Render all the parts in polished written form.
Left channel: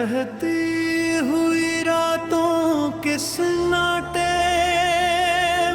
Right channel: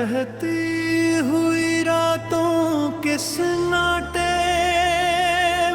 बहती हुई रातों के सन्नाटे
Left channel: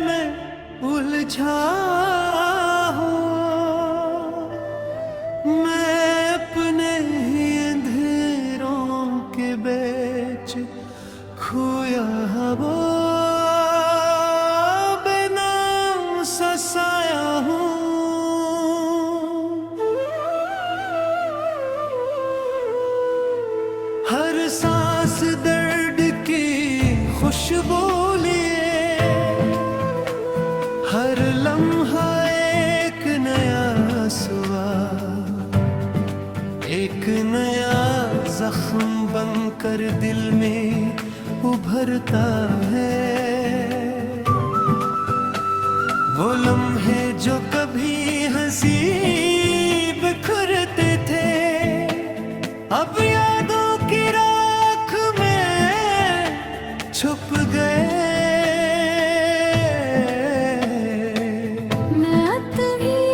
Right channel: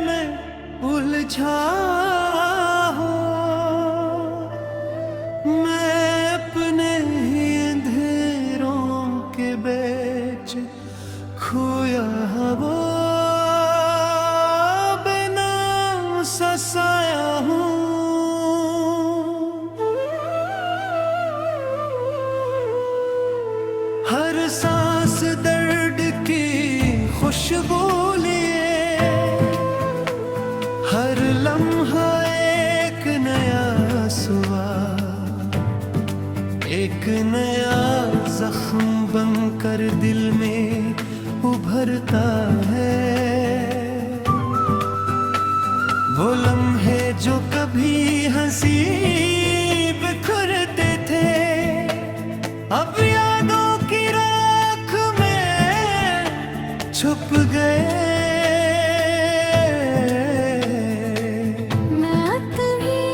में उलझा हूँ मैं, अपने ही अंधेरों के बीच खोया वो बेनाम सा साया हूँ। हर सांस दर्द की खुशबू लिए, हर लम्हा एक नया सुबह, एक नया जख्म बनकर दिल में उभरता है। वो लम्हे जो कभी हंसी बिखरते थे, अब यादों की राख में छुप गए। मैं तुम्हीं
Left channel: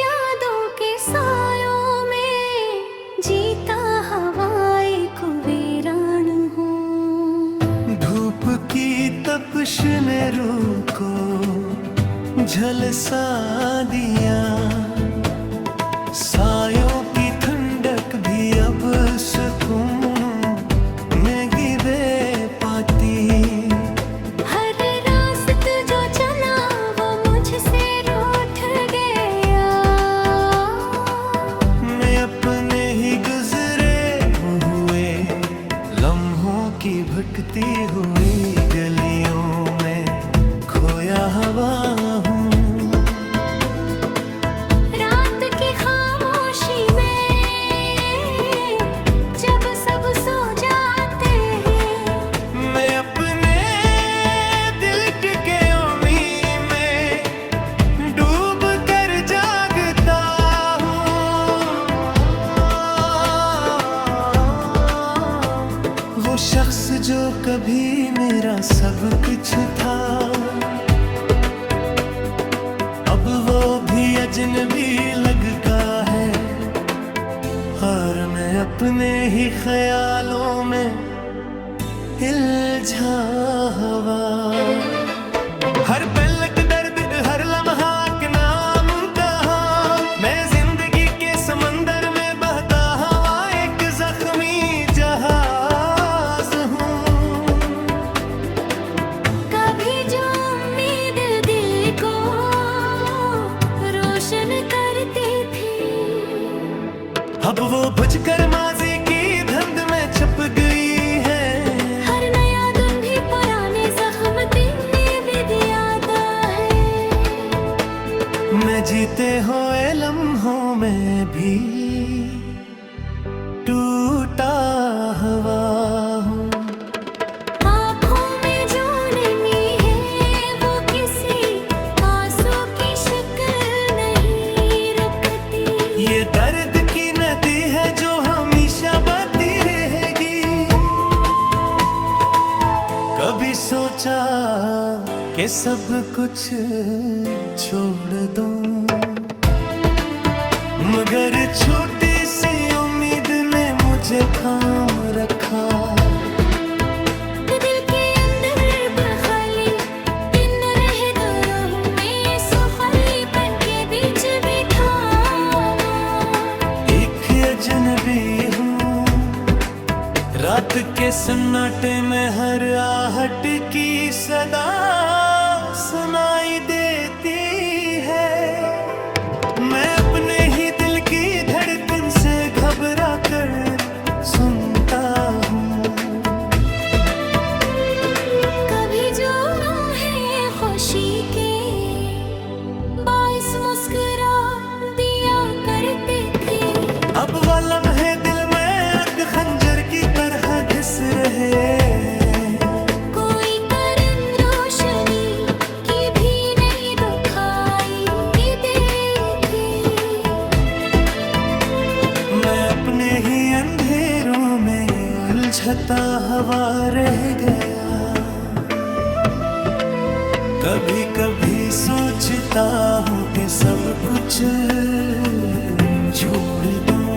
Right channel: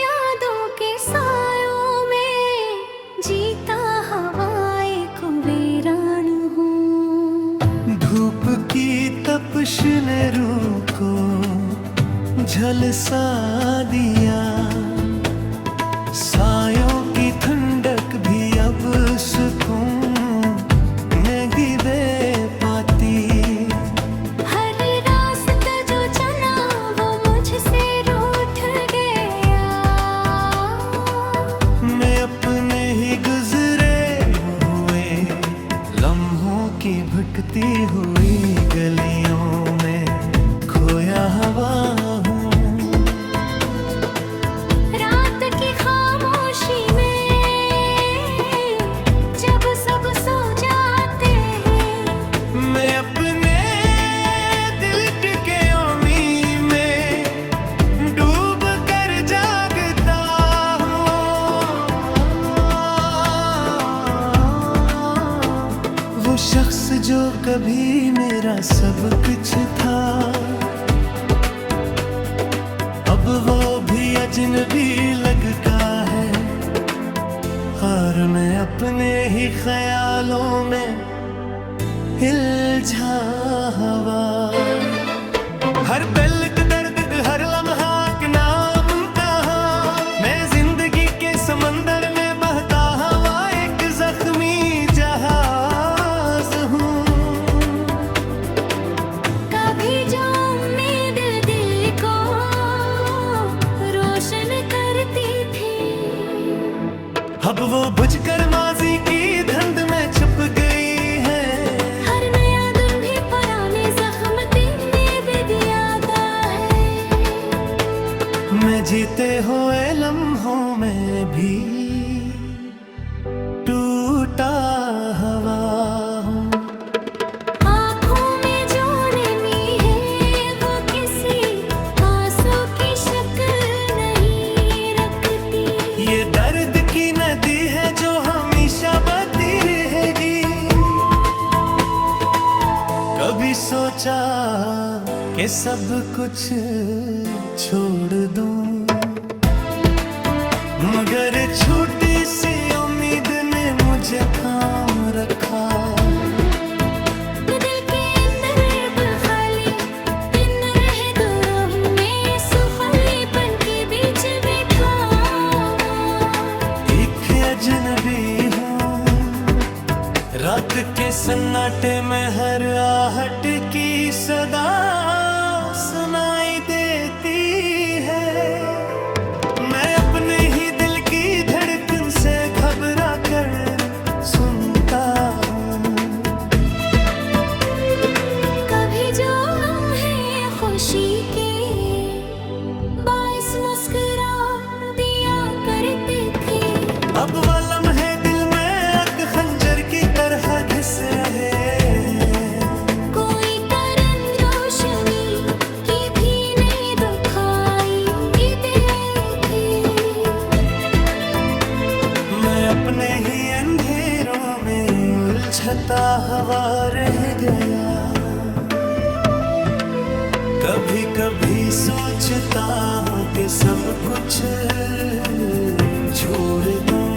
यादों के सायों में जीता हवाए कुवेरान हूँ। धूप की तपिश ने रूह को झलसा दिया, सायों की ठंडक भी अब सुकून में गिरे पाती। हर रास्ता जो चला वो मुझसे रूठ गया, मैं अपने ही गुजरे हुए लम्हों की भटकती हुई गलियों में खोया हवा हूँ। वो शख्स जो कभी मेरा सब कुछ था, अब वो भी अजनबी लगता है। और मैं अपने ही ख्यालों में उलझा हुआ, हर पल का दर्द, हर लम्हा का नाम कहाँ, मैं जिंदगी के समंदर में बहता हुआ एक जख्मी जहाज हूँ। कभी जो उम्मीद दिल को रोशन करती थी, अब वो बुझकर माजी की धुंध में छुप गई है। हर नया दिन भी पुराने जख्म भी दियाता है। मैं जीते हुए लम्हों में भी टूटा हुआ हूँ। आँखों में जो नमी है वो किसी आंसू की शक्ल नहीं रखती। ये दर्द की नदी है जो हमेशा बहती रहेगी। कभी सोचा कि सब कुछ छोड़ दूं, मगर छोटी सी उम्मीद ने मुझे थाम रखा। दिल के अंदर बखाली दिन रहे तो रूह में सुखालीपन के बीच बैठा वो। एक अजनबी हूँ, रात के सन्नाटे में हर आहट की सदा सुनाई देती है। मैं अपने ही दिल की धड़कन से घबरा कर सुनता हूँ। कभी जो लम्हे खुशी के बाइस मुस्कुरा दिया करते थे, अब वो लम्हे दिल में अक खंजर की तरह घिस रहे हैं। कोई करन रोशनी की भी नहीं दुखाई देखी। मैं अपने ही अंधेरों में उलझता हुआ रह गया। कभी कभी सोचता हूँ कि सब कुछ छोड़ दूं,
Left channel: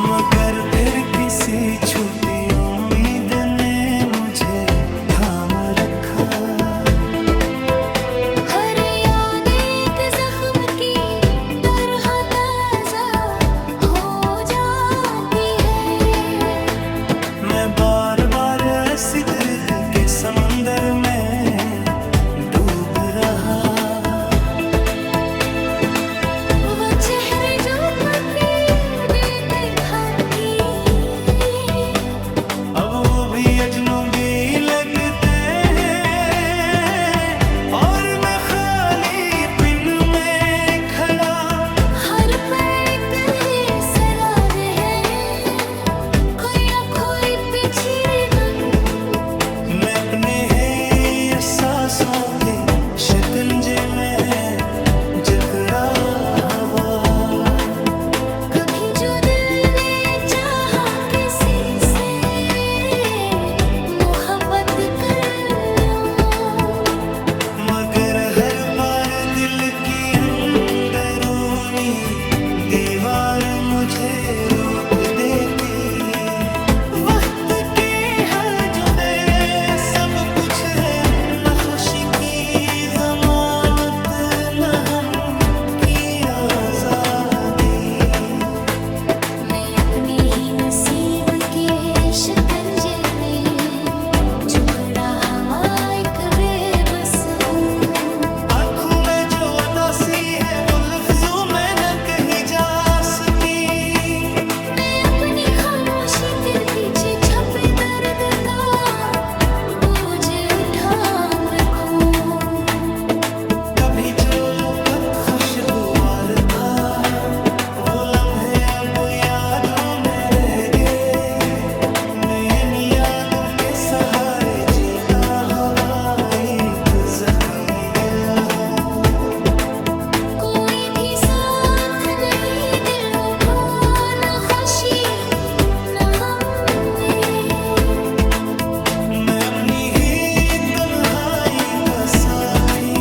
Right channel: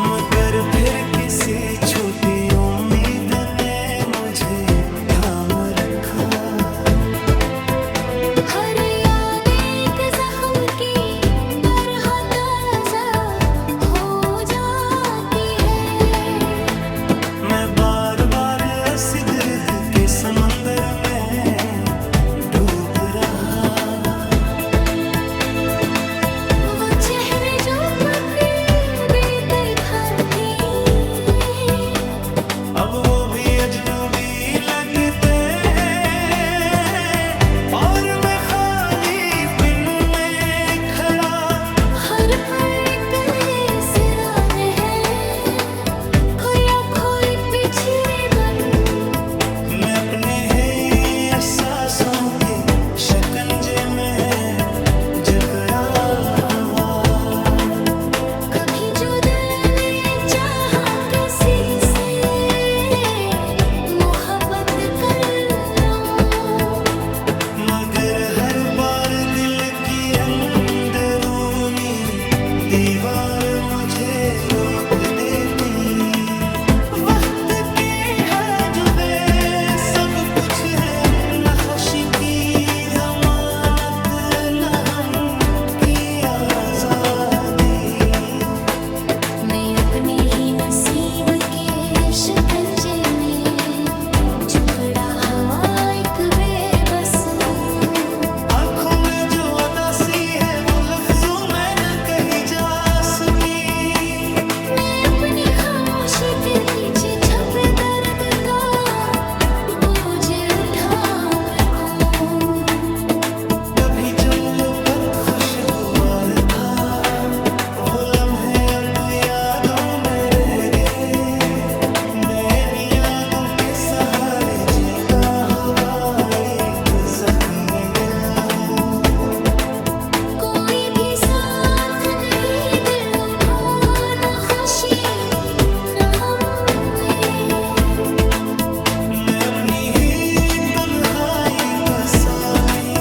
मगर फिर किसी छूटी उम्मीद ने मुझे थाम रखा। हर याद एक जख्म की तरह ताजा हो जाती है। मैं बार बार ऐसी दर्द के समंदर में डूब रहा। वो चेहरे जो कभी बेतहा थे, अब वो भी अजनबी लगते हैं और मैं खाली पिन में खड़ा। हर पल तेरे सरारे हैं, खोया खोई पिछड़े मन। मैं अपने हैं एहसासों के शिकंजे में जकड़ा हवा। कभी जो दिल ने चाहा किसी से मोहब्बत कर लो, मगर हर बार दिल की अंदरूनी दीवार मुझे रोक देती। वक्त के हाजुबे सब कुछ है, न खुशी की जमानत न हम की आजादी। मैं अपने ही नसीब के शिकंजे में झुकड़ा हवा एक बेबस हूँ। आंखों में जो उदासी है वो लफ्जों में न कही जा सकी। मैं अपनी खामोशी के पीछे छपे दर्द का बोझ उठा रखूं। कभी जो लुब्बत खुशगवार था वो लम्हे अब यादों में रह गए। मैं इन यादों के सहारे जीता हवा एक जख्म दिल हूँ। कोई भी साथ नहीं दिलों का, न खुशी न गम में। मैं अपनी ही तन्हाई का साथी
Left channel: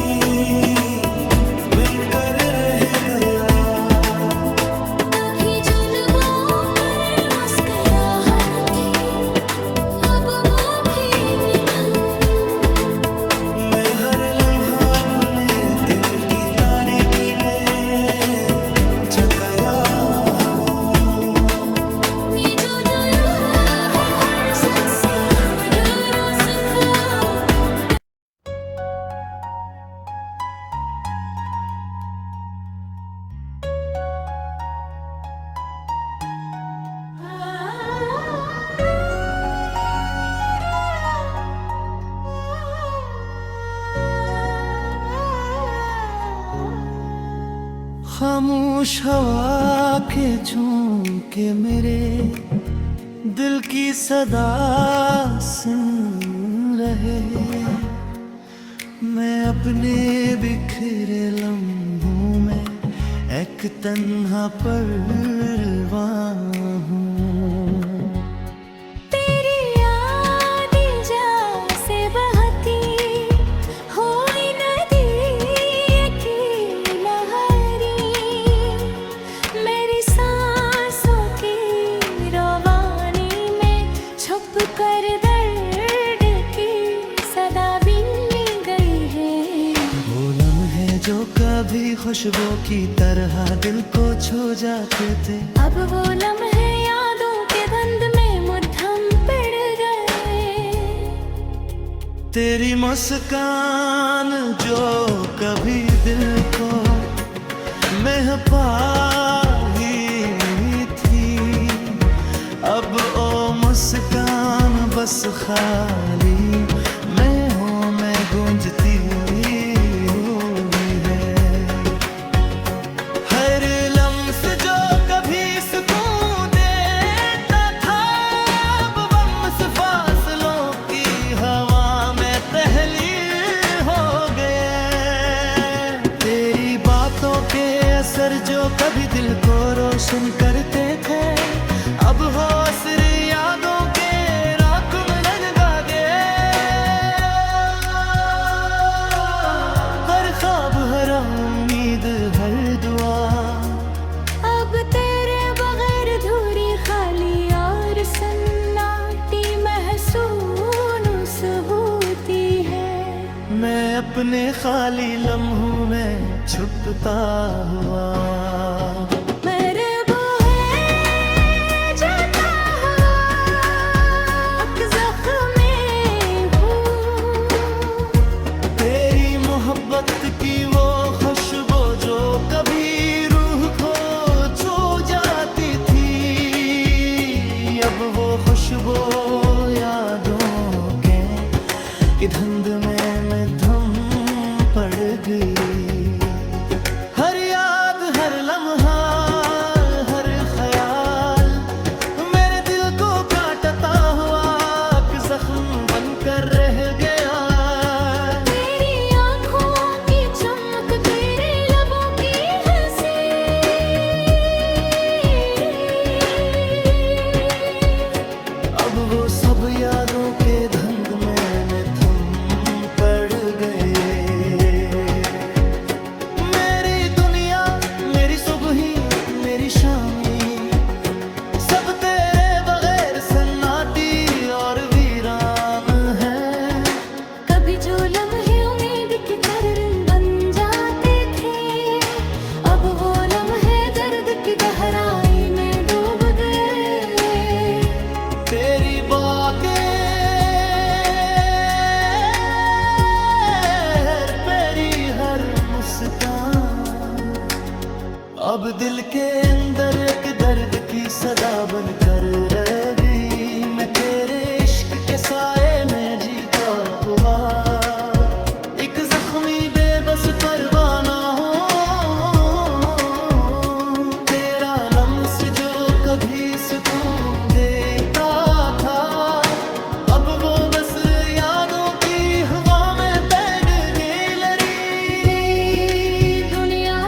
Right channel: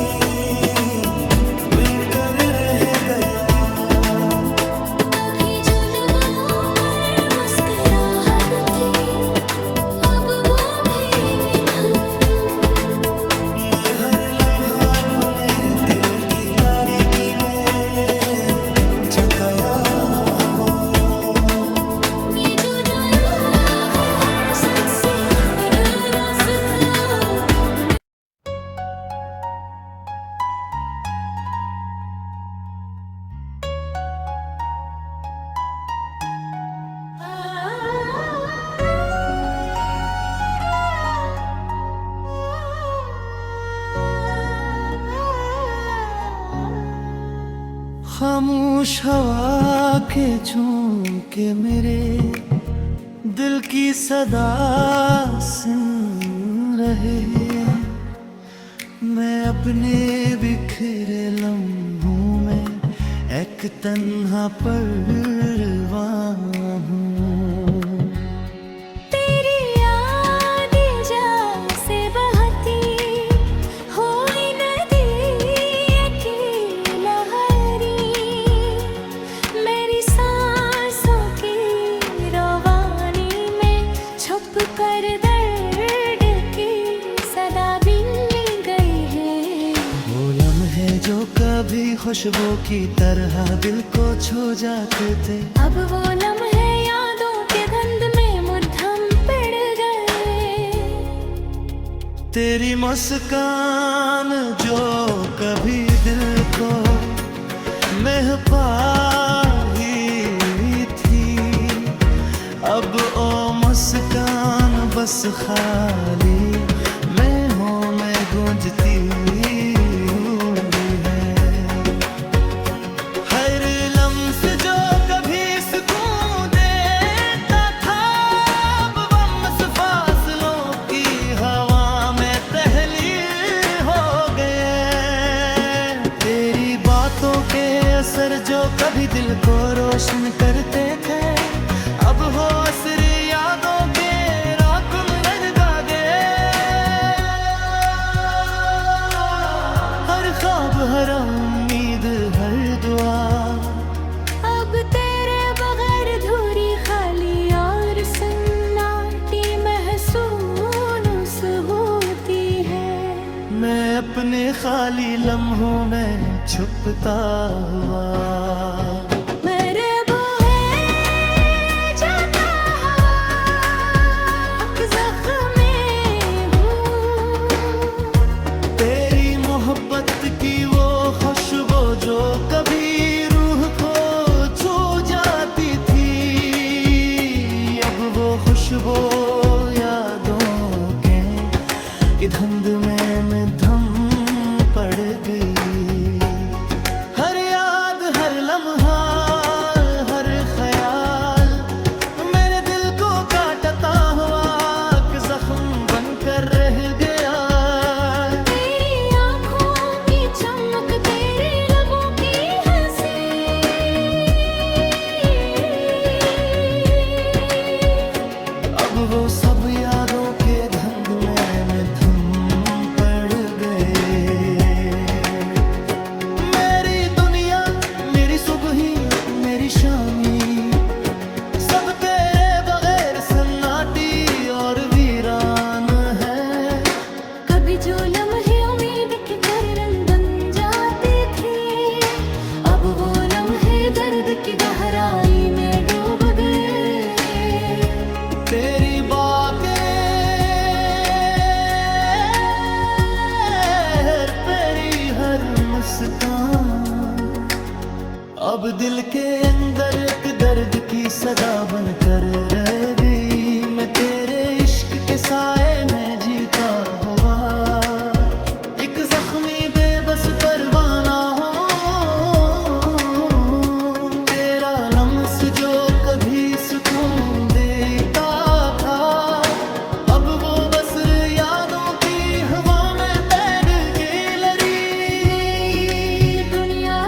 बनकर रह गया। कभी जो लबों पर मुस्कुराहट थी, अब वो भी निठुर। मैं हर लम्हा अपने दिल की तारीकी में जकाया हवाओं। ये जो यूं है हर सच से अधूरा सा था। खामोश हवा के झोंके मेरे दिल की सदा सुन रहे। मैं अपने बिखरे लम्हों में एक तन्हा परवान हूँ। तेरी याद जैसे बहती हुई नदी की लहरी, मेरी सांसों की रवानी में छुप कर दर्द की सदा बिन गई है। वो लम्हे जो कभी खुशबू की तरह दिल को छू जाते थे, अब वो लम्हे यादों के धुंध में मुद्दम पिड़ गए। तेरी मुस्कान जो कभी दिल को महपाही थी, अब ओ मुस्कान बस खाली मैं हूँ, मैं गूंजती हुई है। हर लम्स जो कभी सुकून देता था, अब बम्स फासलों की हवा में तहलील हो गए। तेरी बातों के असर जो कभी दिल को रोशन करते थे, अब हो असर यादों के राकुन रह जागे। हर ख्वाब हर उम्मीद हर दुआ अब तेरे बगैर धूरी मैं अपने खाली लम्हों में छुपता हुआ। मेरे बूहे जाता हुआ एक ज़ख्मी हूँ। तेरी मोहब्बत की वो खुशबू जो कभी रूह को छू जाती थी, अब वो खुशबू यादों की धुंध में मैं धम पड़ गई। हर याद, हर लम्हा, हर ख्याल मेरे दिल को काटता हुआ एक जख्म बनकर रह गया। तेरी आँखों की चमक, तेरे लबों की हंसी, अब वो सब यादों के धुंध में मैं धुम पड़ गए। मेरी दुनिया, मेरी सुबही, मेरी शामी, सब तेरे बगैर सन्नाटी और वीरान है। कभी जो लम्हे उम्मीद की तरंग बन जाते थे, अब वो लम्हे दर्द की गहराई में डूब गए। तेरी बातें, तेरी हर मुस्कान अब दिल के अंदर एक दर्द की सदा बनकर रह गई। मैं तेरे इश्क के साए में जीता हुआ एक जख्मी बेबस परवाना हूँ। तेरा लम्स जो कभी सुकून देता था, अब वो बस यादों की हवा में बैठ गई लड़ी। दुनिया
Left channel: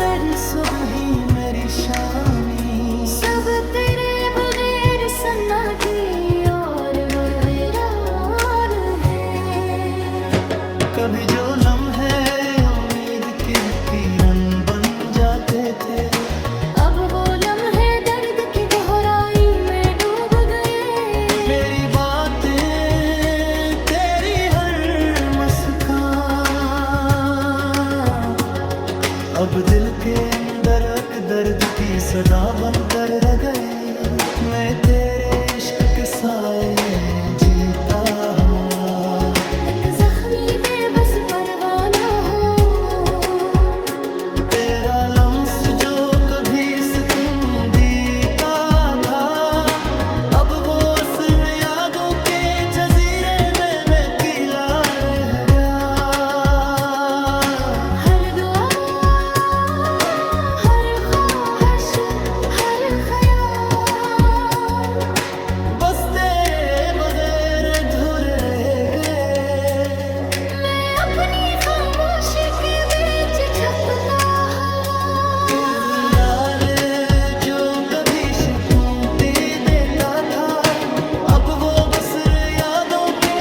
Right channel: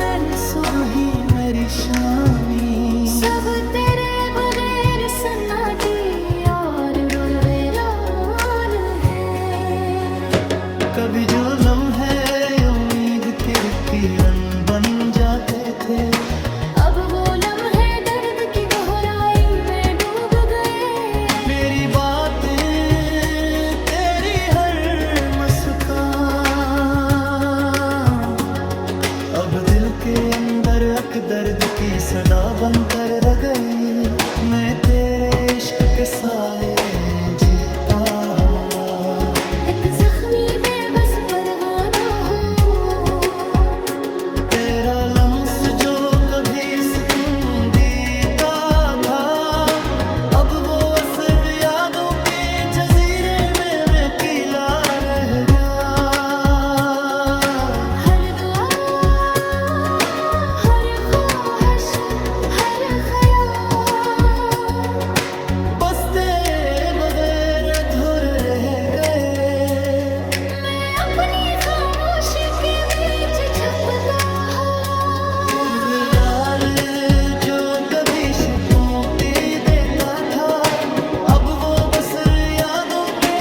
मेरी सुबही, मेरी शामी, सब तेरे बगैर सन्नाटी और वीरान है। कभी जो लम्हे उम्मीद के किरण बन जाते थे, अब वो लम्हे दर्द की गहराई में डूब गए। मेरी बातें, तेरी हर मुस्कान अब दिल के अंदर एक दर्द की सदा बनकर रह गई। मैं तेरे इश्क के साए जीता हुआ एक जख्मी बेबस परवाना हो। तेरा लम्स जो कभी सुकून देता था, अब वो असर यादों के जजीरे में मैं किला रह गया। हर दुआ, हर ख्वाहिश, हर ख्याल बस तेरे बगैर अधूरे रह गए। मैं अपनी खामोशी के बीच छुपता हुआ। यार जो कभी सुकून देता था, अब वो बस यादों के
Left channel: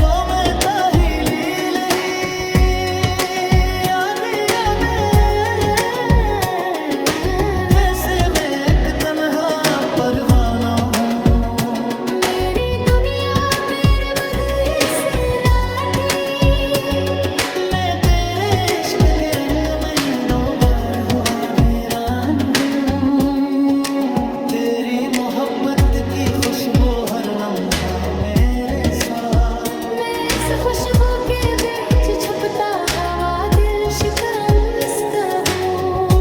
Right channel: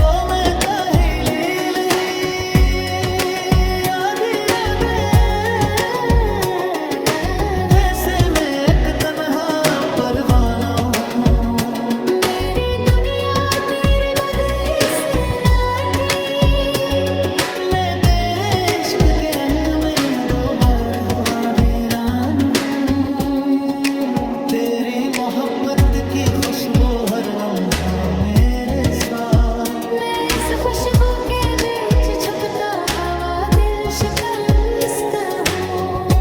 वो मैं ताहीलील ही। याद वैसे मैं एक तन्हा परवाना हूँ। मेरी दुनिया तेरे बगैर से नाटी, मैं तेरे इश्क के रंग में दो बार हुआ वीरान हूँ। तेरी मोहब्बत की खुशबू हर लम्हा मेरे साथ। मैं इस खुशबू के बीच छुपता हवा दिल शिकस्त हूँ।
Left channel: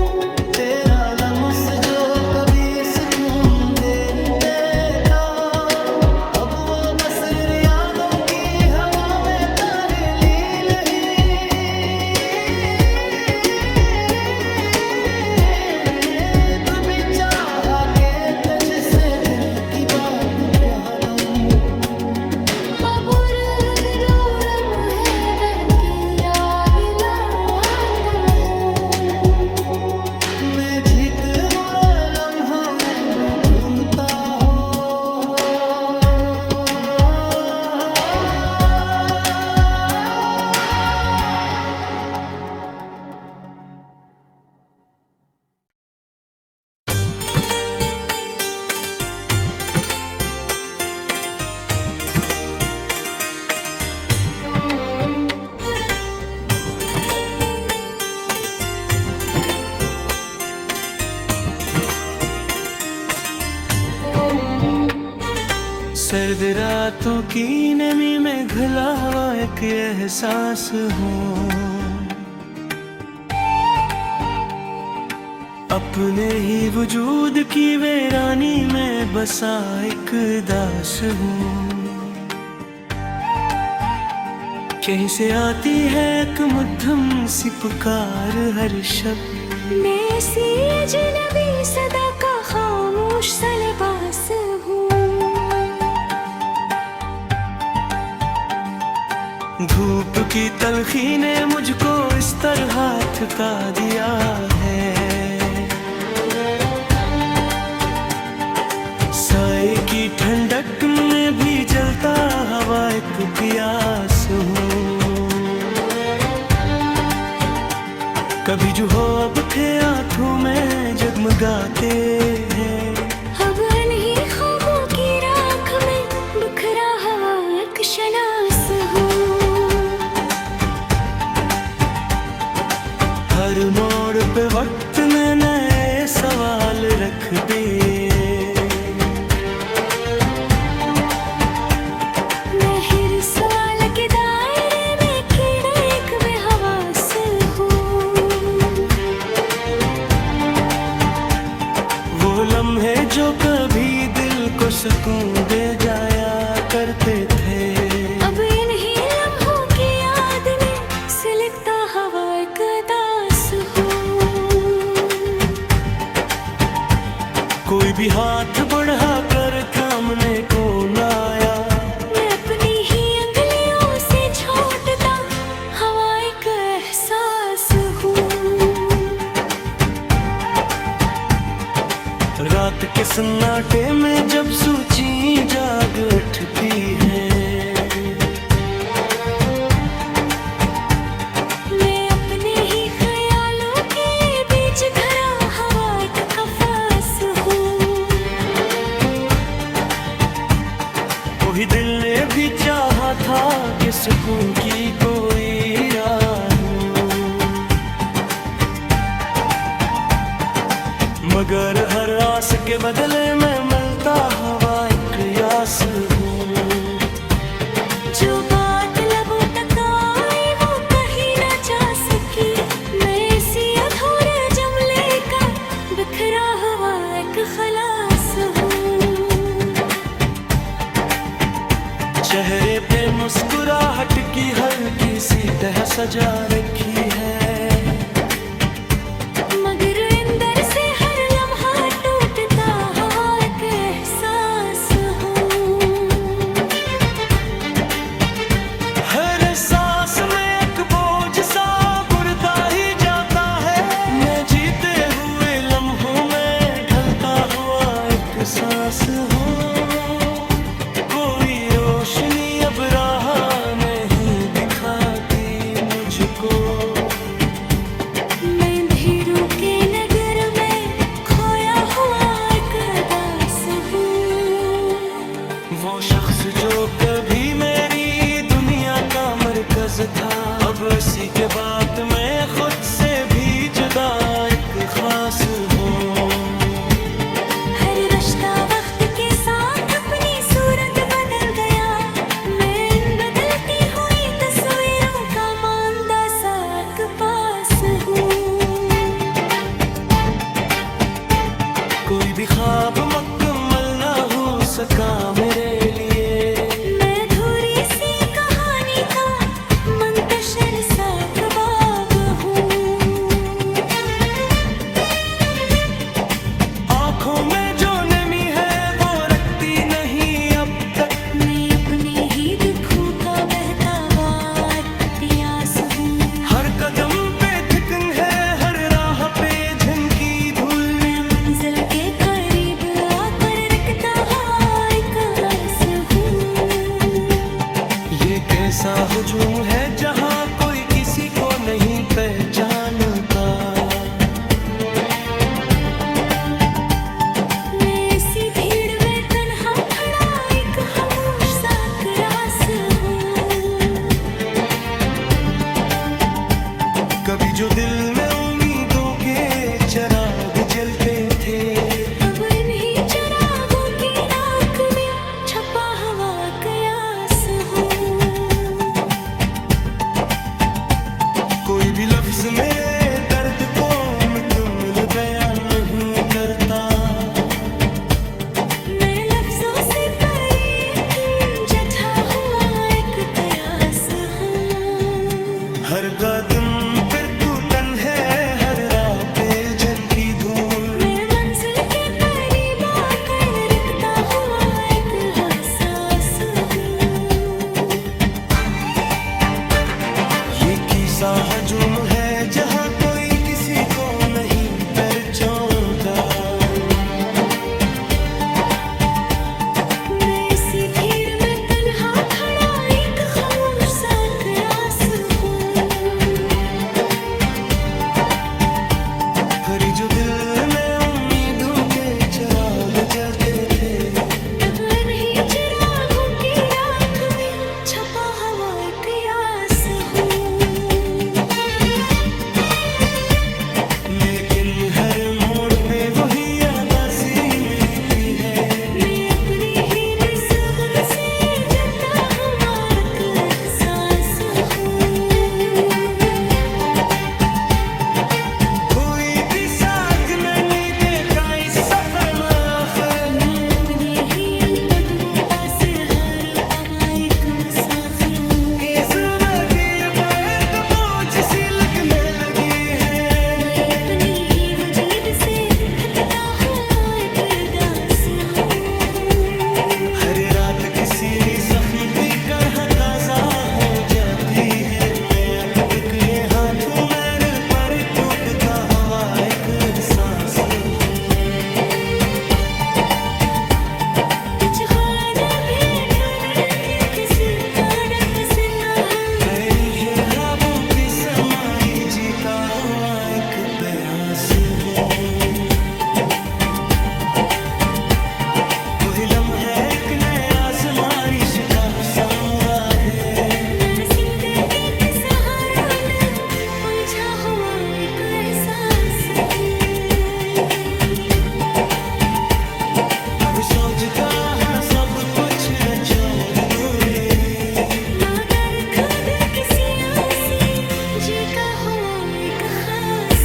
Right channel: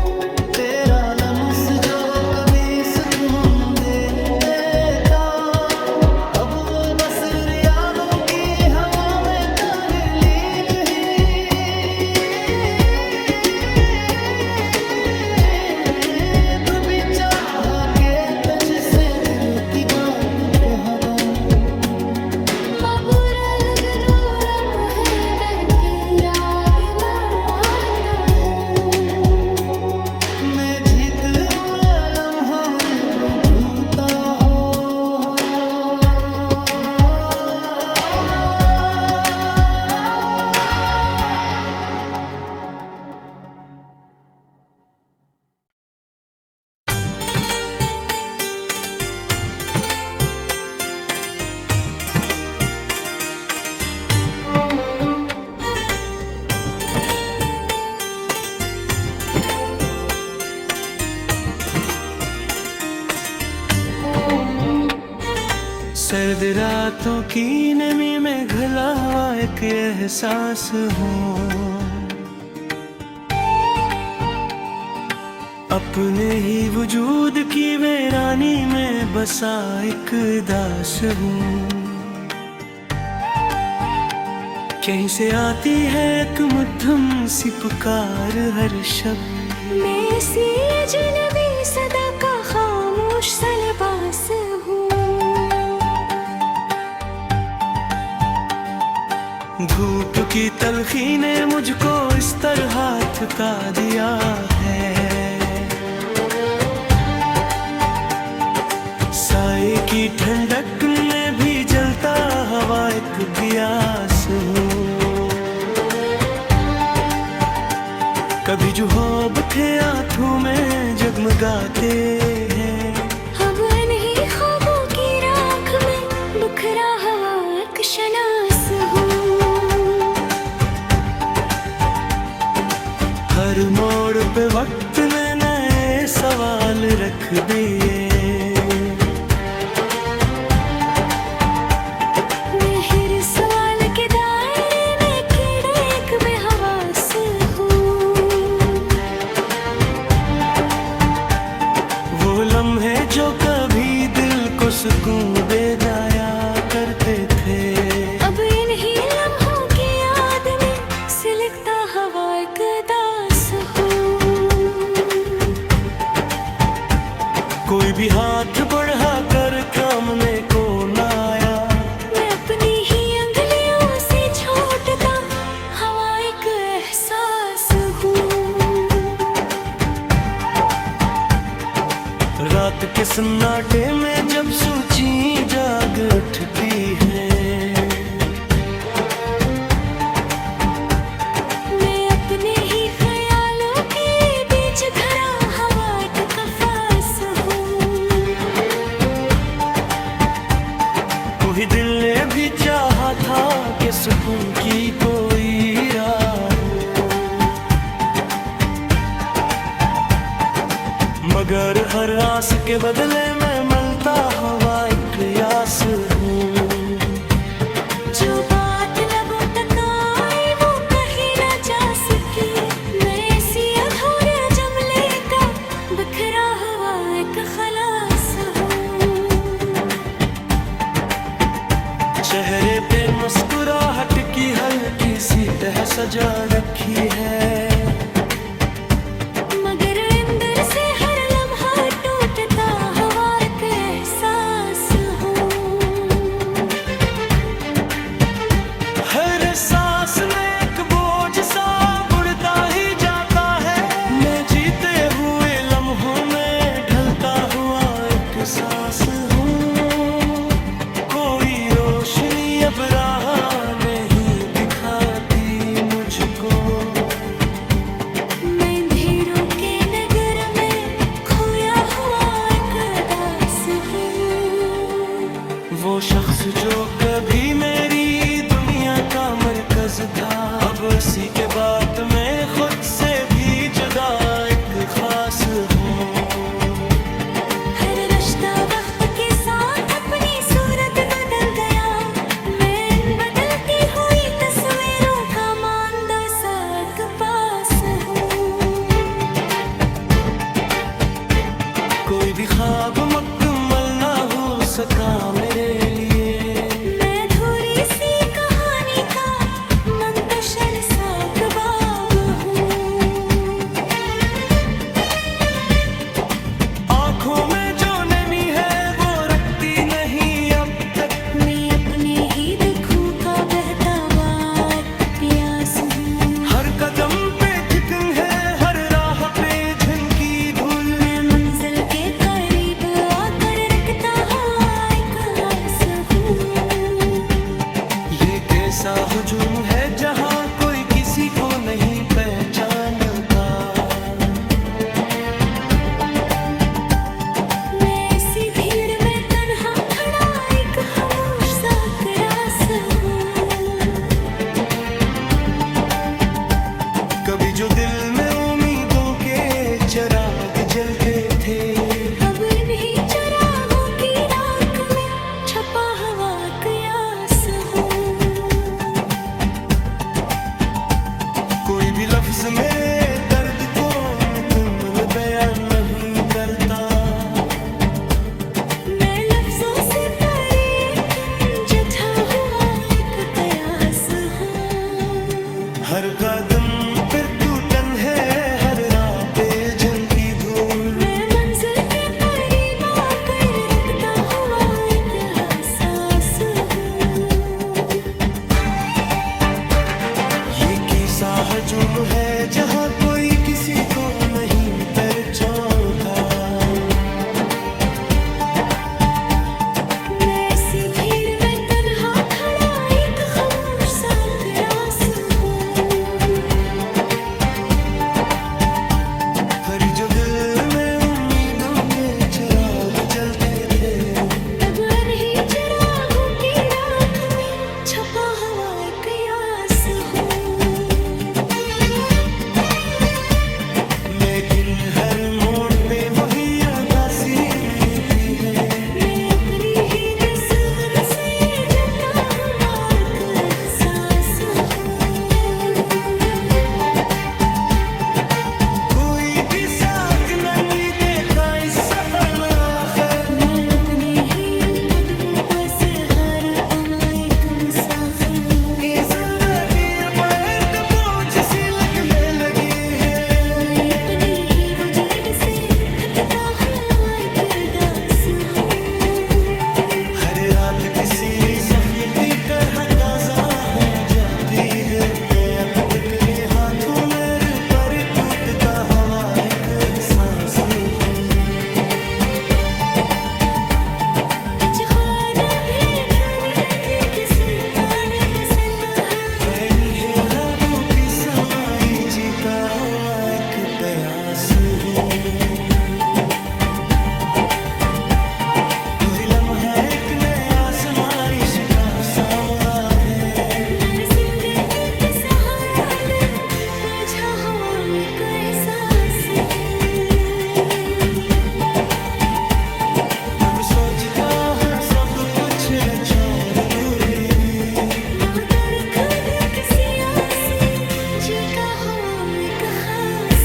तेरा लम्स जो कभी सुकून दे देता, अब वो बस यादों की हवा में तालील ही। भी चाहा के तुझ से दिल की बात कह दूं। मबूर जो लम्हे दर की राह लाता हूँ। मैं जीत बुरा लम्हा में भी भूता हो। सर्द रातों की नमी में घुला हुआ एक एहसास हूँ, अपने ही वजूद की वीरानी में बसा एक दास हूँ। कहीं से आती है एक मध्यम सी पुकार हर शब्द मैं सी अजनबी सदा का खामोश सा लिबास हूँ। धूप की तलखी ने मुझको इस तरह थका दिया है, साए की ठंडक में भी जलता हवा एक गियास हूँ। कभी जो ख्वाब थे आँखों में जगमगाते हैं, अब इन्हीं ख्वाबों की राख में बिखरा हुआ एक शनास हूँ। हर मोड़ पे वक्त में नए सवाल रख दिए, मैं हर सवाल के दायरे में कीड़ा एक बेहवास हूँ। वो लम्हे जो कभी दिल को सुकून दे जाया करते थे, अब इन्हीं लम्हों की याद में सिलकता हवा एक दास हूँ। कोई भी हाथ बढ़ा कर सामने को ना आया, मैं अपनी ही अंगलियों से छोड़ता हवा एक एहसास हूँ। रात के सन्नाटे में जब सूची जाग उठती है, मैं अपने ही ख्यालों के बीच घरा हवा एक कफास हूँ। वही दिल ने भी चाहा था कि सुकून की कोई राह हो, मगर हर आस के बदले में मिलता हवा एक यास हूँ। जो बात लबों तक आई वो कहीं ना जा सकी, मैं ऐसी अधूरे जुमले का बिखरा हुआ एक खलास हूँ। चेहरे पे मुस्कुराहट की हल्की सी तह सजा रखी है, मगर अंदर से हर लम्हा टूटता हवा एक एहसास हूँ। हर सांस में एक बोझ सा बढ़ता ही जाता है, मैं जीते हुए लम्हों में ढलता हुआ एक सांस हूँ। कोई रोशनी अब राह नहीं दिखाती मुझको, मैं अंधेरों के नगर में खोया हुआ एक दास हूँ। वो शख्स जो कभी मेरी दुनिया का मरकज था, अब उसी के बाद मैं खुद से भी जुदा एक खास हूँ। हर रिश्ता वक्त के साथ अपनी सूरत बदल गया, मैं इन बदलती हुई तस्वीरों का मांदा सा एक पास हूँ। कोई भी ख्वाब मुकम्मल ना हो सका मेरे लिए, मैं अधूरी सी कहानी का मुंतशिर सा कबाब हूँ। आँखों में जो नमी है वो रखती नहीं अब तक, मैं अपने ही दुखों का बहता हुआ एक प्यास हूँ। हर कदम पे थिकन है, हर राह पे झनकी धूल, मैं मंजिल के करीब आकर रखता हुआ एक आस हूँ। ये कैसा हुजूम है जहाँ कोई किसी को नहीं पहचानता, मैं ऐसी भीड़ में तन्हा खड़ा एक खामोश सा रास हूँ। कभी जो दिल में उम्मीदों के चिराग जलते थे, अब इन्हीं चिरागों की राख में छपा कोई भी लफ्ज मेरे दर्द को मुकम्मल बयान नहीं करता। मैं लफ्जों से परे जठा हुआ एक कयास हूँ। हर कदम फिर टूटन है, हर राह पे जन की धूल। मैं मंजिल के करीब आकर रखता हुआ एक हसास हूँ। ये किस्सा हजूम है जहाँ कोई किसी को नहीं पहचानता। मैं इसी भीड़ में तन्हा खड़ा एक खामोश सा रास हूँ। फिर जो दिल में उम्मीदों के चिराग जलते थे, अब नहीं चिरागों की राख में छपा हुआ एक यास हूँ। लेकिन हर मोड़ पे वही आबासी मिलती है। मैं अपनी ही निस्बत से जता हुआ एक एहसास हूँ। कोई भी साथ नहीं देता इस सफर में आखिर। मैं अपनी ही कदमों पास हर अमायक मुसाफिर। इस वादी पर तो बोझ सी लगने लगी है। मैं अपनी ही वजूद से थकता हुआ एक दास हूँ। हर रात किसी जख्म की तरह काजा हो जाती है। मैं अब बिकने हाथों मेरे पर टूटता हुआ एक एहसास हूँ। कुछ ख्वाब भी ठुने के किसी का न पसंद हूँ। ये ख्वाबों की समाई जीता हुआ एक बयास हूँ। कोई लम्हा एक नया आज़माइश का सामुरा है। मेरी जिंदगी के सहारा में उलझा हुआ एक एहसास हूँ। अब सोचता है सब कुछ छोड़ दूरी, मगर खुद किसी आसे जी का हुआ एक खास